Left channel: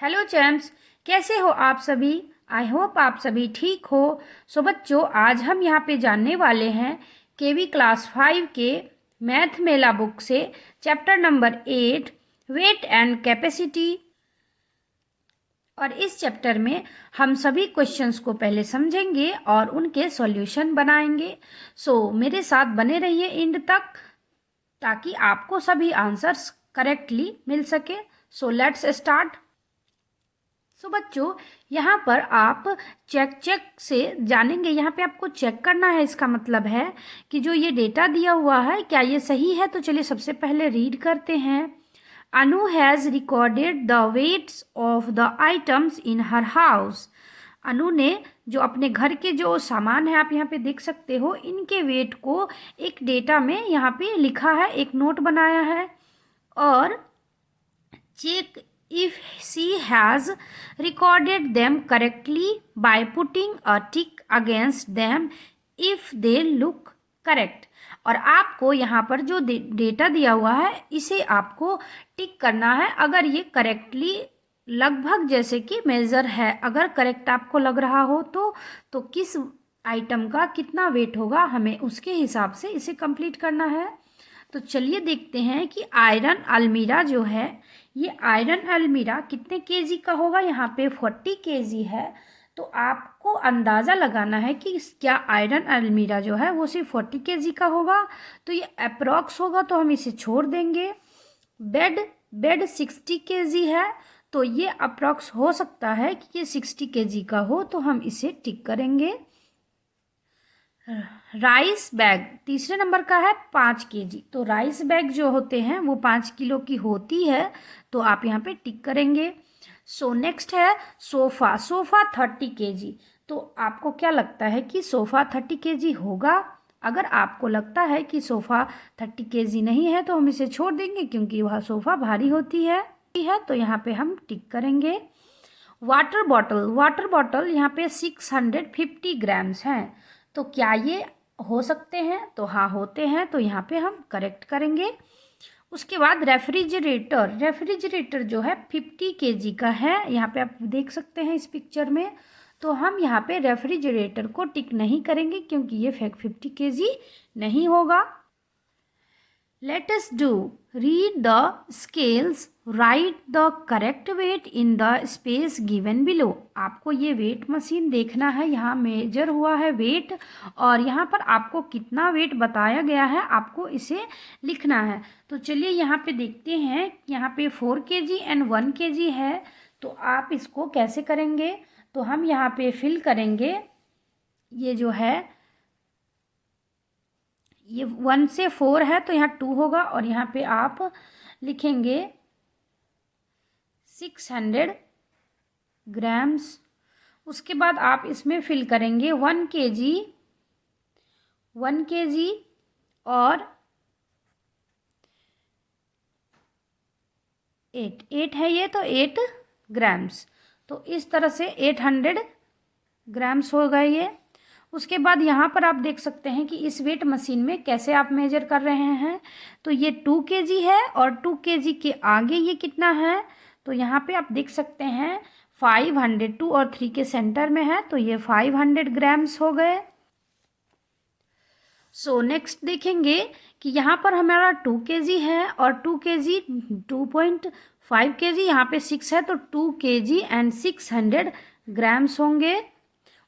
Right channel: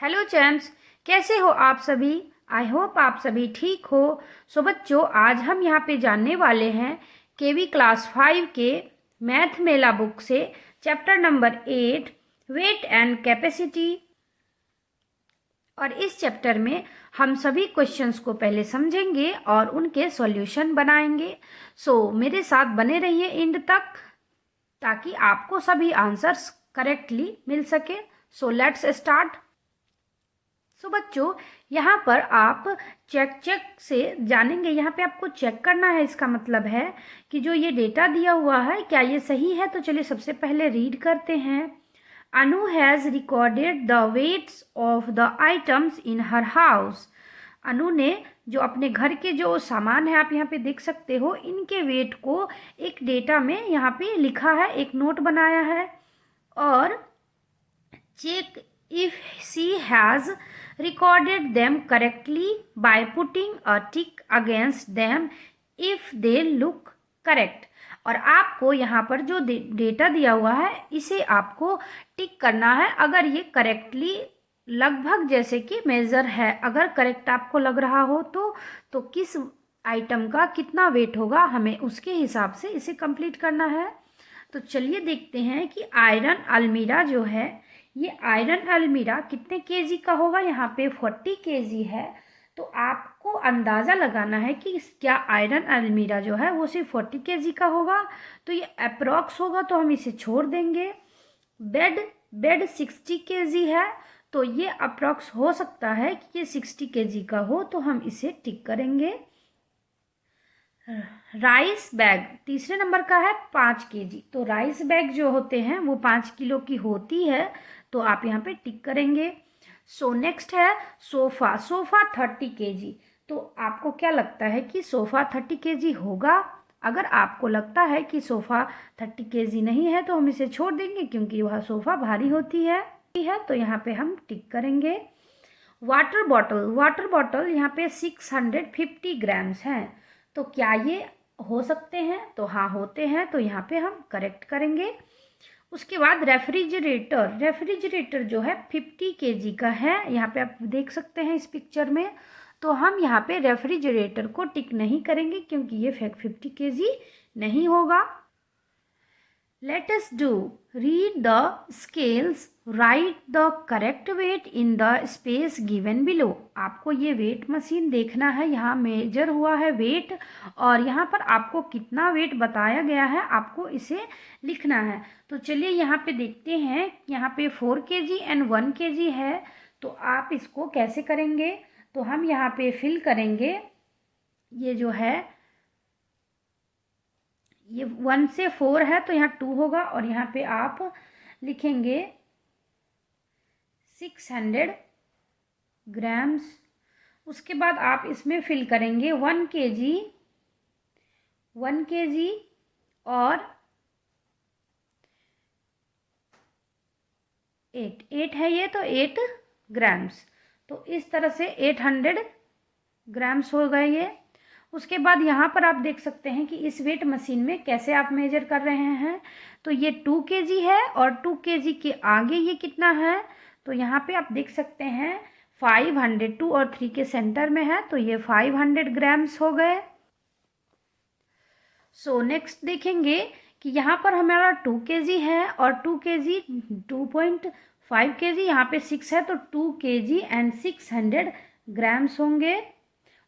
Hello champs, कैसे हो आप सभी। आई होप आप सभी ठीक हो। सो बच्चों, आज हम यहाँ पे जानने वाले हैं केवी क्लास 5 के मैथ मेला बुक से chapter number 8 weight and capacity. और इस चैप्टर में हम सभी क्वेश्चंस को पहले समझेंगे और उनके सॉल्यूशन बनाएंगे। सो मेरे साथ बने रहिए एंड तक ताकि आपको सभी आंसर्स करेक्टली मिल सके। So let's start. सो बच्चों, यहाँ पर आप चेक से जानेंगे। यहाँ पे आपको चेक करना है। इसका मतलब है कि जो ये डेटा दिया हुआ है क्या ये सही है। तो चलिए सबसे पहले रीड करते हैं। Anu has recorded the weights of the items in her house. Anu ने जो अपने घर के जो सामान है, आप यहाँ पे देख सकते हो, इनके वेट को एक डेटा में यहाँ पे लिखा है, एक नोट बनाया है। और check if she has recorded them correctly by putting a tick against them if they look correct। और आपको यहाँ पर जो डेटा दिया हुआ है इसे आपको टिक करना है अगर ये करेक्टली लगभग जैसे कि मेजर है। अगर करेक्ट आपको लग रहा हो तो किस आइटम का कितना वेट होगा, हमें उसके हिसाब से इसे कंप्लीट करना है। तो चलिए देखते हैं कि आयरन अलमीरा जो है, ये आयरन अलमीरा कितने केजी का होगा। यहाँ पे 40 केजी है। तो आपको अंदाज़ा लगाना है कि क्या आयरन अलमीरा जो है वो सिर्फ 40 केजी का होगा। तो ये अप्रॉक्स होगा तो हम इसे छोड़ देंगे। बेड 60 केजी है तो ये अप्रॉक्स हो सकता है कि ये 60 केजी का हो, तो हम इसे टिक करेंगे। राइस बैग तीसरे नंबर का है 5 केजी। तो राइस बैग जो होते हैं वो 5 किलो की होती है, तो आप यहाँ पे टिक करेंगे। सो नेक्स्ट है सोफ़ा 30 केजी। तो आपको क्या लगता है कि सोफ़ा 30 केजी होगा। अगर आपको लगता है कि सोफ़ा 30 केजी नहीं है तो हम इसे छोड़ देंगे, क्योंकि वह सोफ़ा भारी होती है। तो यहाँ पे हम टिक करेंगे। वाटर बॉटल यहाँ पे 650 ग्राम्स हैं। तो क्या ये हो सकते हैं। तो हाँ, होते हैं। तो यहाँ पे हम करेक्ट करेंगे। उसके बाद रेफ्रिजरेटर जो है 50 केजी का है। यहाँ पे आप देख सकते हैं इस पिक्चर में। तो हम यहाँ पे रेफ्रिजरेटर को टिक नहीं करेंगे, क्योंकि ये 50 केजी नहीं होगा। Let us do. Read the scales. Write the correct weight in the space given below. आपको ये वेट मशीन देखना है। यहाँ मेजर हुआ है वेट, और यहाँ पर आपको कितना वेट बताया गया है आपको इसे लिखना है। तो चलिए यहाँ पे देखते हैं। यहाँ पे 4 केजी एंड 1 केजी है। तो आप इसको कैसे करेंगे। तो हम यहाँ पे फिल करेंगे। ये जो है ये 1 से 4 है तो यहाँ 2 होगा, और यहाँ पे आप लिखेंगे 600 ग्राम्स। उसके बाद आप इसमें फिल करेंगे 1 केजी और 8 है ये, तो 8 ग्राम्स। तो इस तरह से 800 ग्राम्स हो गए ये। उसके बाद यहाँ पर आप देख सकते हैं कि इस वेट मशीन में कैसे आप मेजर कर रहे हैं। तो ये 2 केजी है, और 2 केजी के आगे ये कितना है। तो यहाँ पे आप देख सकते हैं 500, 2 और 3 के सेंटर में है, तो ये 500 ग्राम्स हो गए। सो नेक्स्ट देखेंगे कि यहाँ पर हमारा 2 केजी है, और 2 केजी 2.5 केजी, यहाँ पे 6 है, तो 2 केजी एंड 600 ग्राम्स होंगे।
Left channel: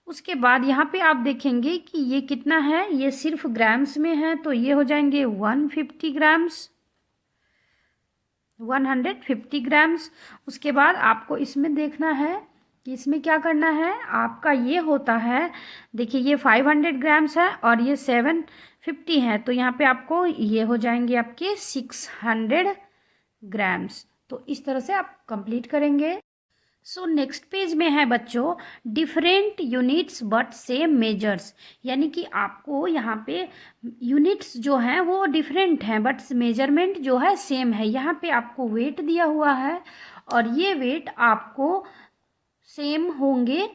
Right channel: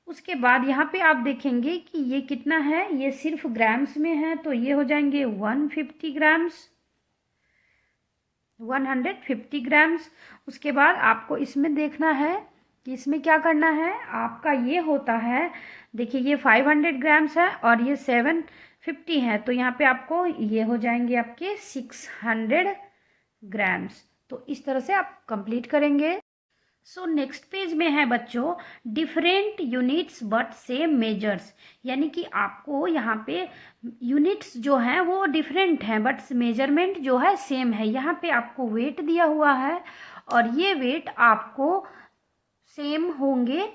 उसके बाद यहाँ पे आप देखेंगे कि ये कितना है। ये सिर्फ ग्राम्स में है, तो ये हो जाएंगे 150 ग्राम्स, 150 ग्राम्स। उसके बाद आपको इसमें देखना है कि इसमें क्या करना है। आपका ये होता है, देखिए ये 500 ग्राम्स है और ये 750 है, तो यहाँ पे आपको ये हो जाएंगे आपके 600 ग्राम्स। तो इस तरह से आप कंप्लीट करेंगे। सो नेक्स्ट पेज में है बच्चों different units but same measures. यानी कि आपको यहाँ पे यूनिट्स जो हैं वो डिफरेंट हैं, बट मेजरमेंट जो है सेम है। यहाँ पे आपको वेट दिया हुआ है, और ये वेट आपको सेम होंगे।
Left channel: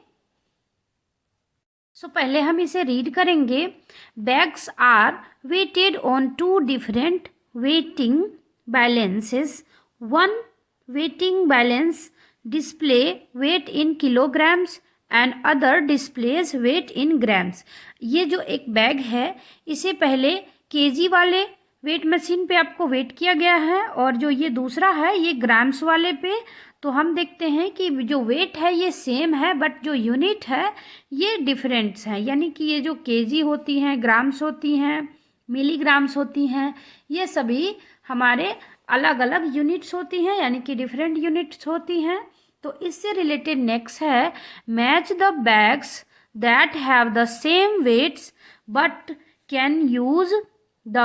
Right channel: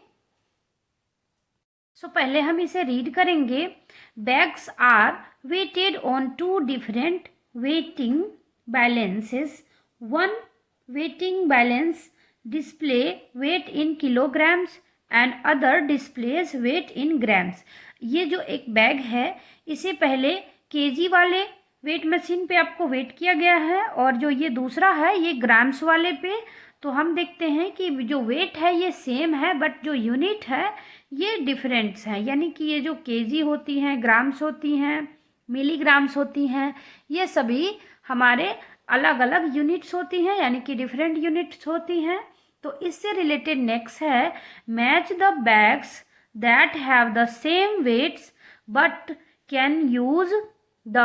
सो पहले हम इसे रीड करेंगे। Bags are weighted on 2 different weighing balances. One weighing balance display weight in kilograms and other displays weight in grams. ये जो एक बैग है इसे पहले केजी वाले वेट मशीन पे आपको वेट किया गया है और जो ये दूसरा है ये ग्राम्स वाले पे। तो हम देखते हैं कि जो वेट है ये सेम है बट जो यूनिट है ये डिफरेंट्स हैं, यानी कि ये जो केजी होती हैं, ग्राम्स होती हैं, मिलीग्राम्स होती हैं, ये सभी हमारे अलग अलग यूनिट्स होती हैं, यानी कि डिफरेंट यूनिट्स होती हैं। तो इससे रिलेटेड नेक्स्ट है match the bags that have the same weights but can use the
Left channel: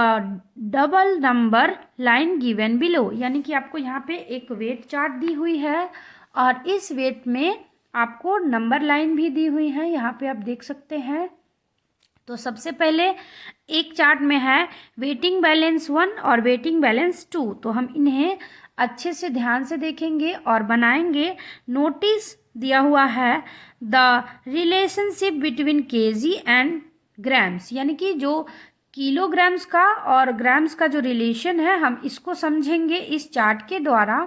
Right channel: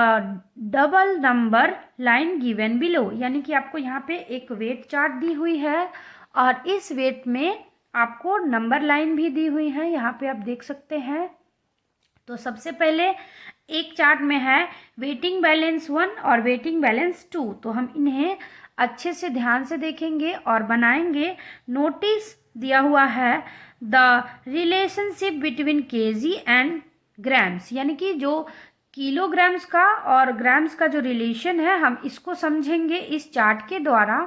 double number line given below. यानी कि आपको यहाँ पे एक वेट चार्ट दी हुई है और इस वेट में आपको नंबर लाइन भी दी हुई है, यहाँ पे आप देख सकते हैं। तो सबसे पहले एक चार्ट में है वेटिंग बैलेंस 1 और वेटिंग बैलेंस 2। तो हम इन्हें अच्छे से ध्यान से देखेंगे और बनाएंगे। नोटिस दिया हुआ है the relationship between KG and grams, यानी कि जो किलोग्राम्स का और ग्राम्स का जो रिलेशन है हम इसको समझेंगे इस चार्ट के द्वारा।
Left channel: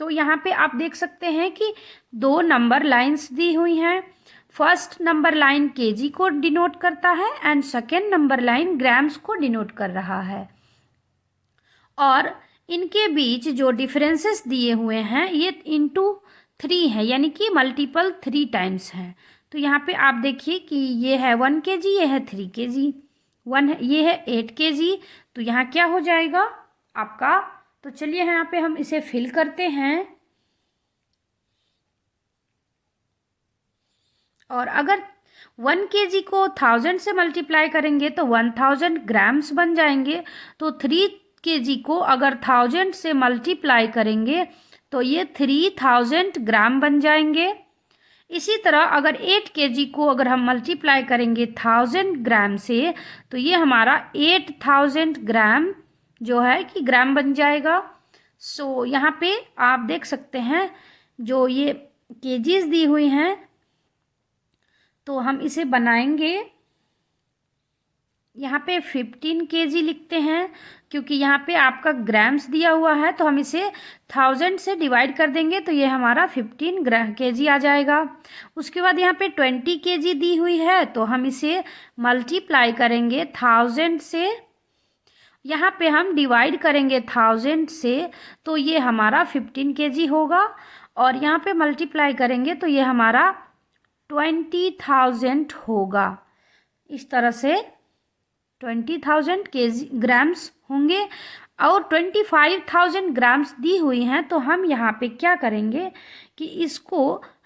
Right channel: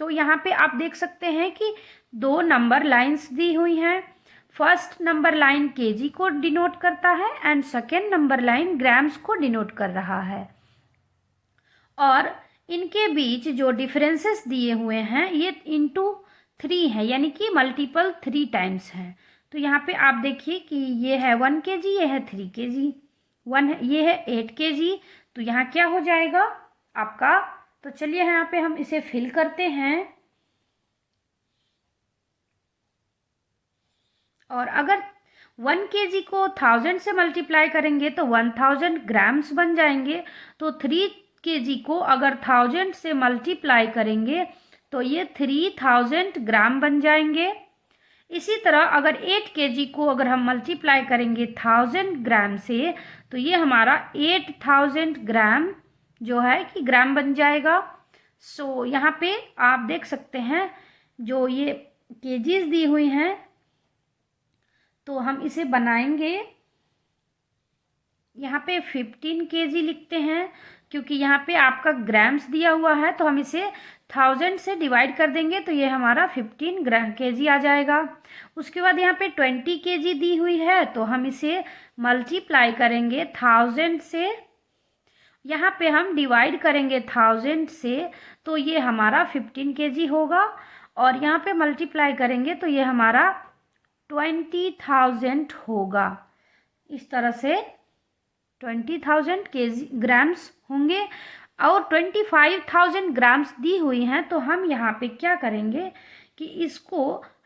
तो यहाँ पे आप देख सकते हैं कि दो नंबर लाइंस दी हुई हैं। फर्स्ट नंबर लाइन केजी को डिनोट करता है and second number line grams को डिनोट कर रहा है और इनके बीच जो डिफरेंसेस दिए हुए हैं ये इंटू 3 है, यानी कि मल्टीपल 3 टाइम्स है। तो यहाँ पे आप देखिए कि ये है 1 kg, ये है 3 kg, ये है 8 kg। तो यहाँ क्या हो जाएगा आपका, तो चलिए यहाँ पे हम इसे फिल करते हैं। और अगर 1 kg को 1000 से मल्टीप्लाई करेंगे तो 1000 ग्राम्स बन जाएंगे। तो 3 kg को अगर 1000 से मल्टीप्लाई करेंगे तो ये 3000 ग्राम बन जाएंगे। इसी तरह अगर 8 kg को अगर हम मल्टीप्लाई करेंगे 1000 ग्राम से तो ये हमारा 8000 ग्राम जो है कि ग्राम बन जाएगा। सो यहाँ पे आप देख सकते हैं जो ये केजीज दी हुई हैं तो हम इसे बनाएंगे। यहाँ पे 15 kg लिखते हैं क्योंकि यहाँ पे आपका ग्राम्स दिया हुआ है, तो हम इसे 1000 से डिवाइड कर देंगे तो ये हमारा 15 kg आ जाएगा। उसके बाद यहाँ पे 20 kg दी हुई है तो हम इसे मल्टीप्लाई करेंगे 1000 से, यहाँ पे हम डिवाइड करेंगे 1000 से तो ये हमारा 15 kg होगा और यहाँ पे मल्टीप्लाई करेंगे तो ये हमारा 20,000 होगा। इस तरह से 20,000 ग्राम्स होंगे और 25,000 ग्राम्स दी हुई हैं। तो हम यहाँ पे क्या करेंगे कि इसको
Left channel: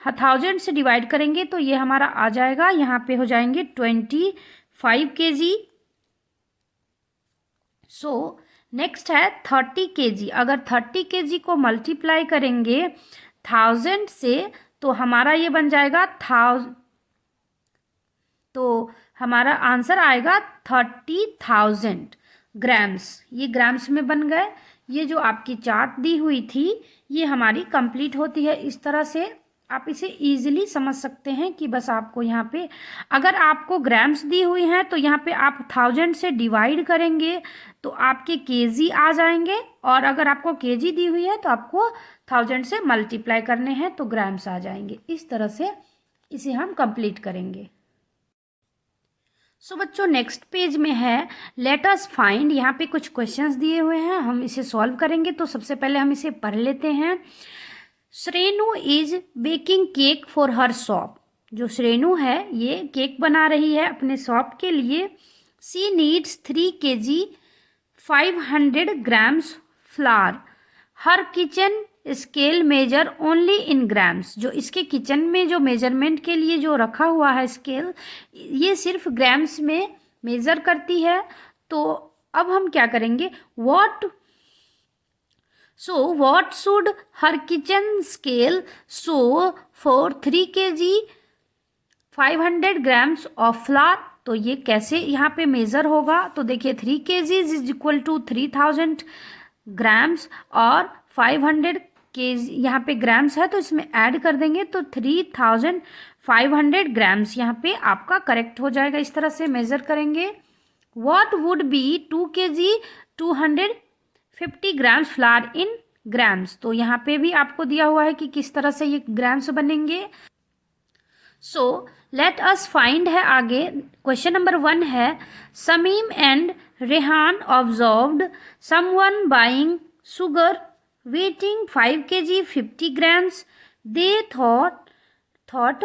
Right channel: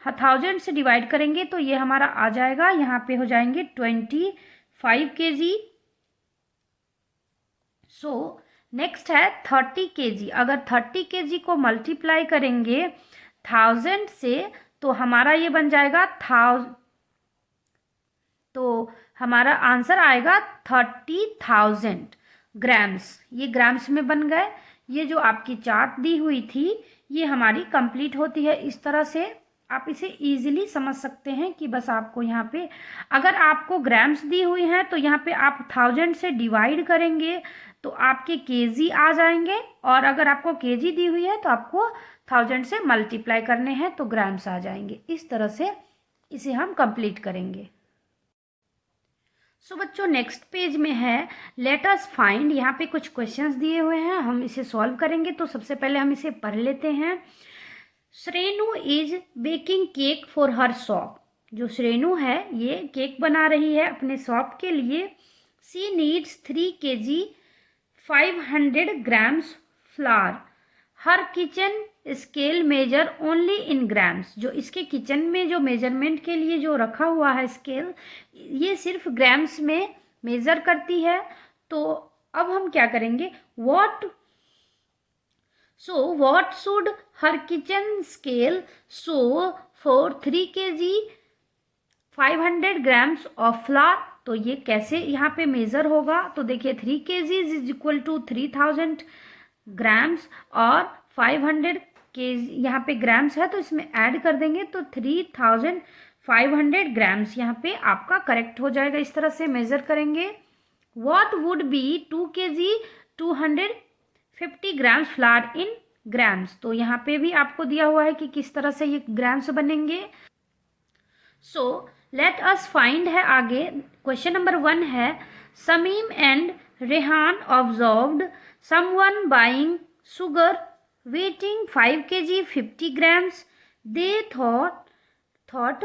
1000 से डिवाइड करेंगे तो ये हमारा आ जाएगा, यहाँ पे हो जाएंगे 25 kg। सो नेक्स्ट है 30 kg। अगर 30 kg को मल्टीप्लाई करेंगे 1000 से तो हमारा ये बन जाएगा 1000, तो हमारा आंसर आएगा 30,000 ग्राम्स। ये ग्राम्स में बन गए। ये जो आपकी चार्ट दी हुई थी ये हमारी कंप्लीट होती है। इस तरह से आप इसे इजीली समझ सकते हैं कि बस आपको यहाँ पे अगर आपको ग्राम्स दी हुई हैं तो यहाँ पे आप 1000 से डिवाइड करेंगे तो आपके केजी आ जाएंगे और अगर आपको केजी दी हुई है तो आपको 1000 से मल्टीप्लाई करने हैं तो ग्राम्स आ जाएंगे। इस तरह से इसे हम कंप्लीट करेंगे। सो बच्चों नेक्स्ट पेज में है लेट अस फाइंड। यहाँ पे कुछ क्वेश्चंस दिए हुए हैं, हम इसे सॉल्व करेंगे। तो सबसे पहले हम इसे पढ़ लेते हैं। Shrenu is baking cake for her shop. जो श्रेनु है ये केक बना रही है अपने शॉप के लिए। She needs 3 kg 500 grams flour. Her kitchen scale measure only in grams. जो इसके किचन में जो मेजरमेंट के लिए जो रखा हुआ है स्केल ये सिर्फ ग्राम्स में मेजर करती है। तो अब हम क्या करेंगे, what should her kitchen scale show for 3 kg 500 grams of flower. तो ये कैसे यहाँ पे मेजर होगा, तो देखिए 3 kg is equal to 3000 grams और 500 kg यहाँ पे ग्राम्स है तो इसमें ऐड कर देंगे तो 3500 ग्राम्स यहाँ पे आपका करेक्ट हो जाएगा। इस तरह से मेजर करेंगे। What would be 2 kg 250 grams flower in grams. तो यहाँ पे भी आपको दिया हुआ है कि किस तरह से ये ग्राम्स बनेंगे। सो लेट अस फाइंड है आगे। क्वेश्चन नंबर 1 है, Sameem and Rehan observed someone buying sugar waiting 5 kg 50 grams. They thought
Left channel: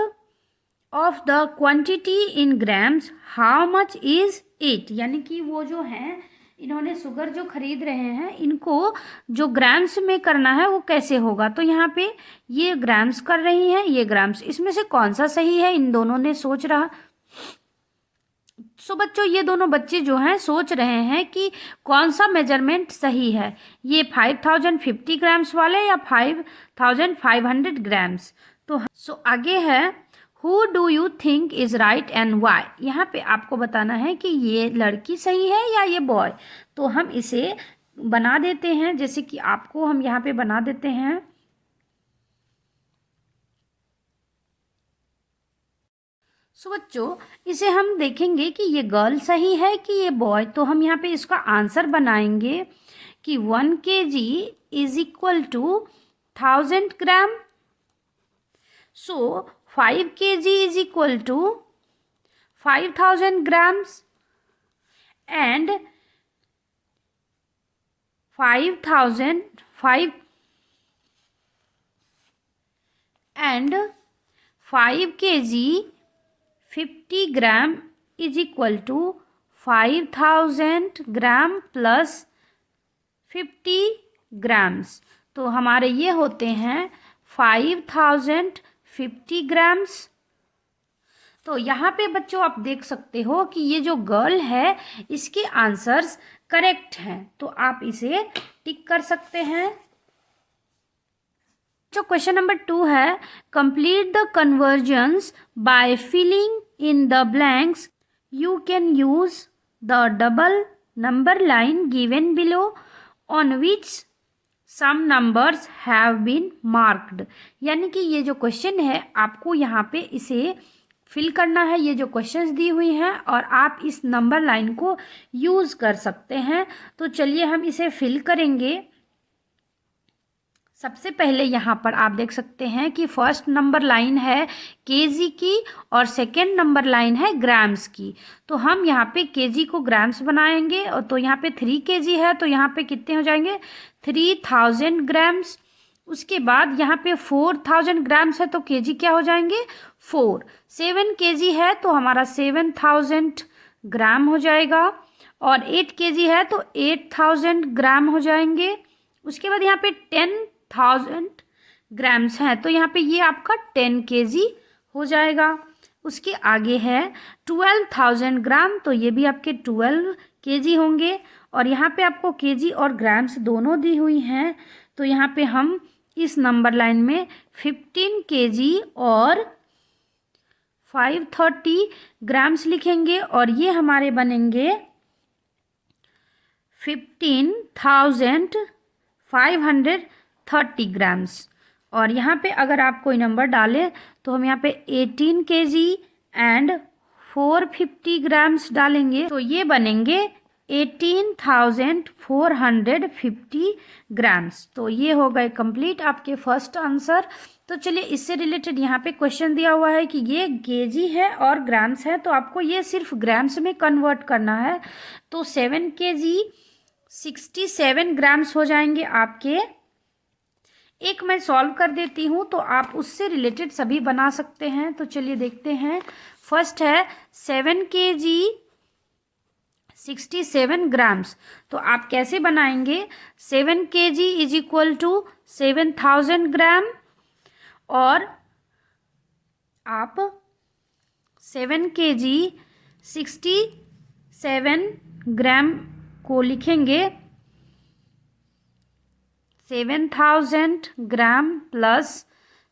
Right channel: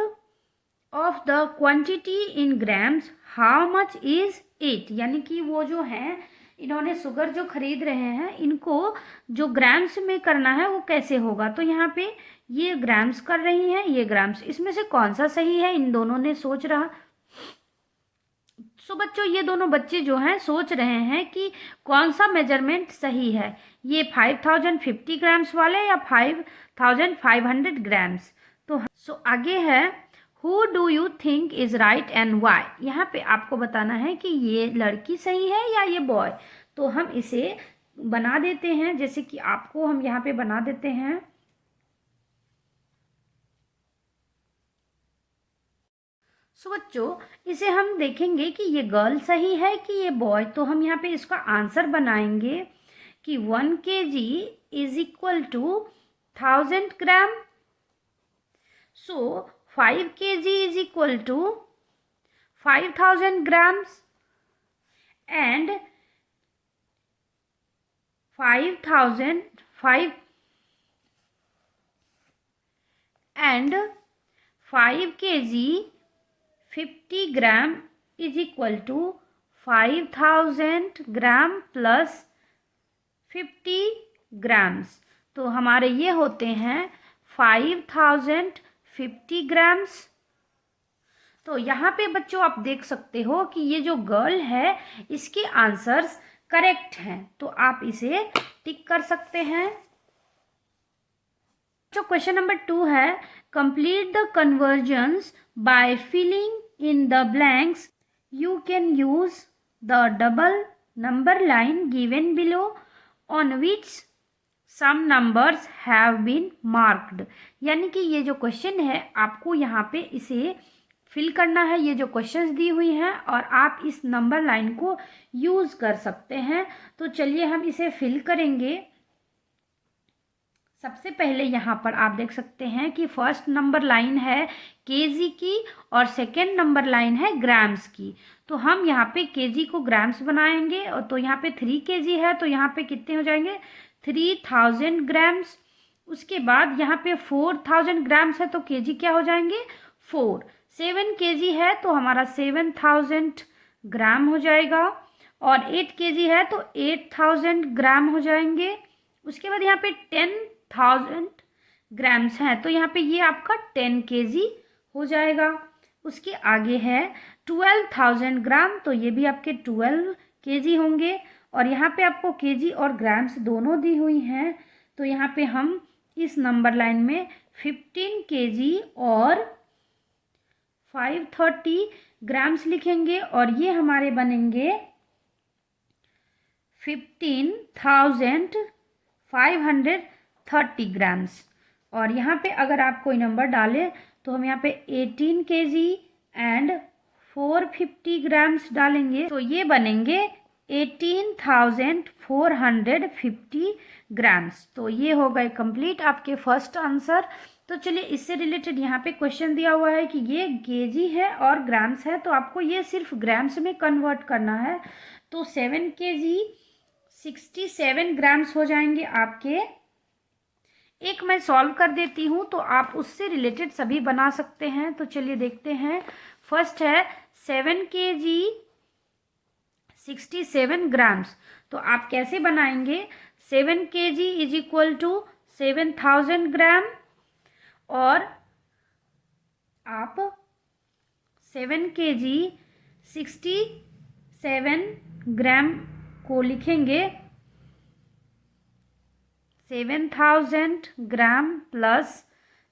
of the quantity in grams. How much is it? यानी कि वो जो है, इन्होंने शुगर जो खरीद रहे हैं, इनको जो ग्राम्स में करना है वो कैसे होगा। तो यहाँ पे ये ग्राम्स कर रही हैं, ये ग्राम्स, इसमें से कौन सा सही है, इन दोनों ने सोच रहा। सो बच्चों, ये दोनों बच्चे जो हैं सोच रहे हैं कि कौन सा मेजरमेंट सही है, ये 5050 ग्राम्स वाले या 5500 ग्राम्स। तो सो आगे है, who do you think is right and why. यहाँ पे आपको बताना है कि ये लड़की सही है या ये बॉय। तो हम इसे बना देते हैं, जैसे कि आपको हम यहाँ पे बना देते हैं। सो बच्चों, इसे हम देखेंगे कि ये गर्ल सही है कि ये बॉय। तो हम यहाँ पे इसका आंसर बनाएंगे कि 1 kg is equal to 1000 gram. So 5 kg is equal to 5000 grams and 5 kg 50 gram is equal to 5000 gram plus 50 grams. तो हमारे ये होते हैं 5050 ग्राम्स। तो यहाँ पे बच्चों आप देख सकते हो कि ये जो गर्ल है, इसके आंसर्स करेक्ट हैं। तो आप इसे टिक कर सकते हैं। जो क्वेश्चन नंबर 2 है, complete the conversions by filling in the blanks. You can use the double number line given below on which some numbers have been marked. यानी कि ये जो क्वेश्चन है, आपको यहाँ पे इसे फिल करना है, ये जो क्वेश्चंस दी हुई हैं, और आप इस नंबर लाइन को यूज़ कर सकते हैं। तो चलिए हम इसे फिल करेंगे। सबसे पहले यहाँ पर आप देख सकते हैं कि फर्स्ट नंबर लाइन है केजी की और सेकेंड नंबर लाइन है ग्राम्स की। तो हम यहाँ पे केजी को ग्राम्स बनाएंगे, और तो यहाँ पे 3 kg है, तो यहाँ पे कितने हो जाएंगे 3000 ग्राम्स। उसके बाद यहाँ पे 4000 ग्राम्स है, तो केजी क्या हो जाएंगे 4। 7 kg है तो हमारा 7000 ग्राम हो जाएगा, और 8 kg है तो 8000 ग्राम हो जाएंगे। उसके बाद यहाँ पे 10,000 ग्राम्स हैं, तो यहाँ पे ये आपका 10 kg हो जाएगा। उसके आगे है 12,000 ग्राम, तो ये भी आपके 12 kg होंगे। और यहाँ पे आपको kg और ग्राम्स दोनों दी हुई हैं, तो यहाँ पे हम इस नंबर लाइन में 15 kg और 530 ग्राम्स लिखेंगे, और ये हमारे बनेंगे 15,530 ग्राम्स। और यहाँ पे अगर आप कोई नंबर डालें तो हम यहाँ पे 18 kg एंड 450 ग्राम्स डालेंगे, तो ये बनेंगे 18,450 ग्राम्स। तो ये हो गए कंप्लीट आपके फर्स्ट आंसर। तो चलिए, इससे रिलेटेड यहाँ पे क्वेश्चन दिया हुआ है कि ये केजी है और ग्राम्स है, तो आपको ये सिर्फ ग्राम्स में कन्वर्ट करना है। तो 7 kg 67 ग्राम्स हो जाएंगे आपके। एक मैं सॉल्व कर देती हूँ, तो आप उससे रिलेटेड सभी बना सकते हैं। तो चलिए देखते हैं। फर्स्ट है 7 kg 67 ग्राम्स। तो आप कैसे बनाएंगे, 7 kg इज इक्वल टू 7000 ग्राम, और आप 7 kg 67 ग्राम को लिखेंगे 7000 ग्राम प्लस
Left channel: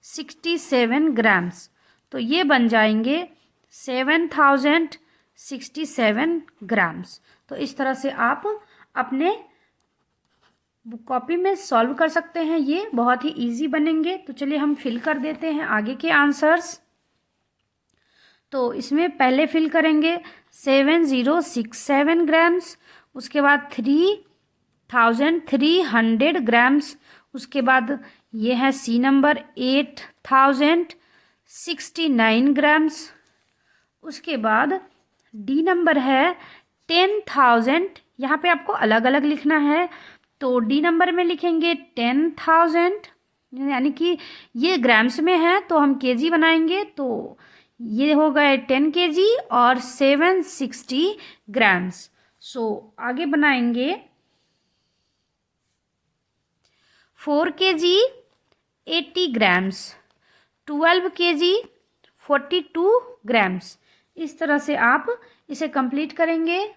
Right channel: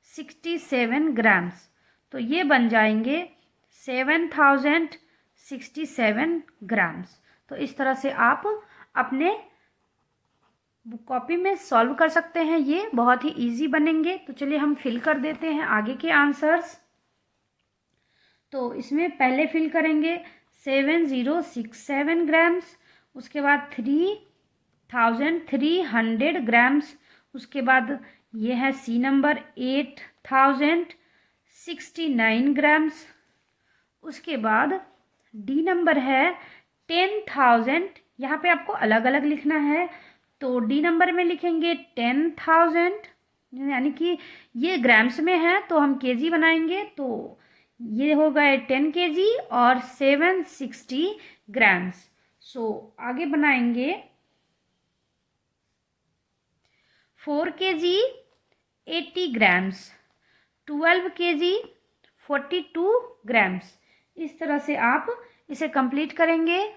67 ग्राम्स, तो ये बन जाएंगे 7067 ग्राम्स। तो इस तरह से आप अपने कॉपी में सॉल्व कर सकते हैं, ये बहुत ही इजी बनेंगे। तो चलिए हम फिल कर देते हैं आगे के आंसर्स। तो इसमें पहले फिल करेंगे 7067 ग्राम्स, उसके बाद 3300 ग्राम्स, उसके बाद ये है सी नंबर 8069 ग्राम्स। उसके बाद डी नंबर है 10,000। यहाँ पे आपको अलग अलग लिखना है, तो डी नंबर में लिखेंगे 10,000, यानी कि ये ग्राम्स में है तो हम केजी बनाएंगे, तो ये हो गए 10 केजी और 760 ग्राम्स। सो आगे बनाएंगे 4 केजी 80 ग्राम्स, 12 केजी 42 ग्राम्स। इस तरह से आप इसे कंप्लीट करेंगे।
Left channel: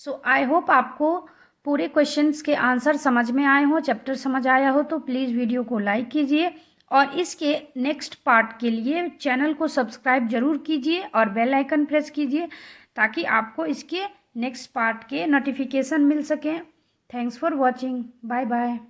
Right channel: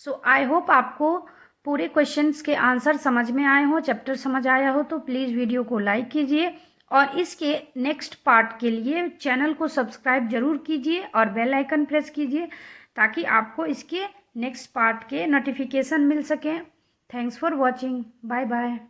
सो आई होप आपको पूरे क्वेश्चंस के आंसर समझ में आए हो, चैप्टर समझ आया हो, तो प्लीज़ वीडियो को लाइक कीजिए और इसके नेक्स्ट पार्ट के लिए चैनल को सब्सक्राइब जरूर कीजिए और बेल आइकन प्रेस कीजिए ताकि आपको इसके नेक्स्ट पार्ट के नोटिफिकेशन मिल सकें। Thanks for watching. Bye bye.